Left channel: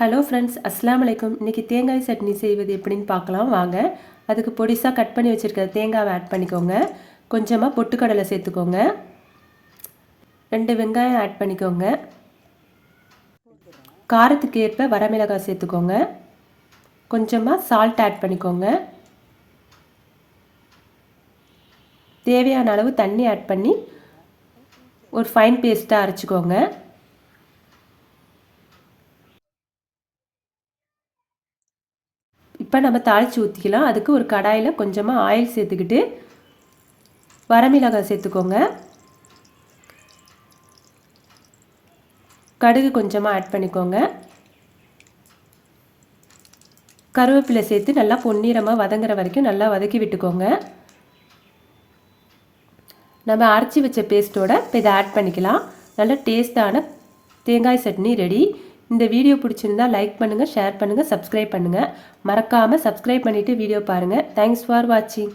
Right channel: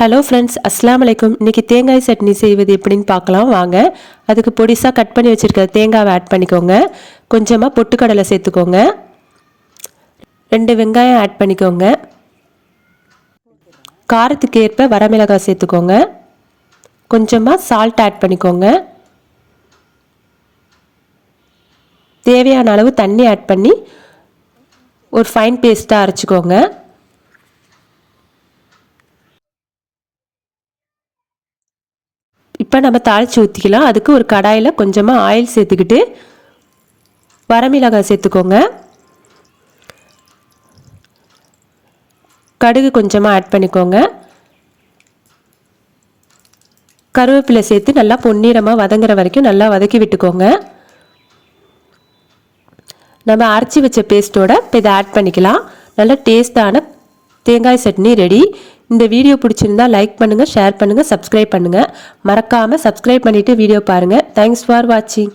Hello friends அஸ்லாம் வலைக்கும் இன்றைக்கி தேங்காய் சட்னி செய்வது எப்படின்னு பார்க்கலாம். வாங்க. அதுக்கு பொடிசாக கட் பண்ணி வச்சுருக்க தேங்காவை ஆட் பண்ணிக்கோங்க. கொஞ்சமாக பொட்டுக்கடலை சேர்த்துக்கோங்க. ரெண்டு வெங்காயம் ஆட் பண்ணிக்கோங்க. காரத்துக்கு ஏற்ப வரமிளகாய் சேர்த்துக்கோங்க. கொஞ்சமாக சால்ட் ஆட் பண்ணிக்கோங்க. தேவையான அளவு தண்ணி ஆட் பண்ணி ஒரு ஃபைன் பேஸ்ட்டாக அரைச்சிக்கோங்க. இப்போ நம்ம தாளித்து ஊற்றிக்கலாம் அதுக்கு ஒரு கடாயில் கொஞ்சமாக ஆயில் சேர்த்துக்கிட்டு வரமிளகாய் சேர்த்துக்கோங்க. கடுகு கொஞ்சமாக ஆட் பண்ணிக்கோங்க. கருவேப்பிலை சேர்த்து நல்லா பொன்னிறமாக வதங்குற வரைக்கும் நல்லா வதக்கி விட்டுக்கோங்க. நம்ம அரைச்சி வச்ச பேஸ்ட்டோட இப்போ இதை ஆட் பண்ணிக்கலாம். நல்ல டேஸ்டான தேங்காய் சட்னி ரெடி இந்த வீடியோ பிடிச்சிருந்தா லைக் பண்ணுங்கள் ஷேர் பண்ணுங்கள் சப்ஸ்கிரைப் பண்ணுங்கள் மறக்காமல் சப்ஸ்கிரைப் பண்ணிவிட்டு வீடியோ பாருங்கள் தேங்க்ஸ் ஃபார் வாட்சிங்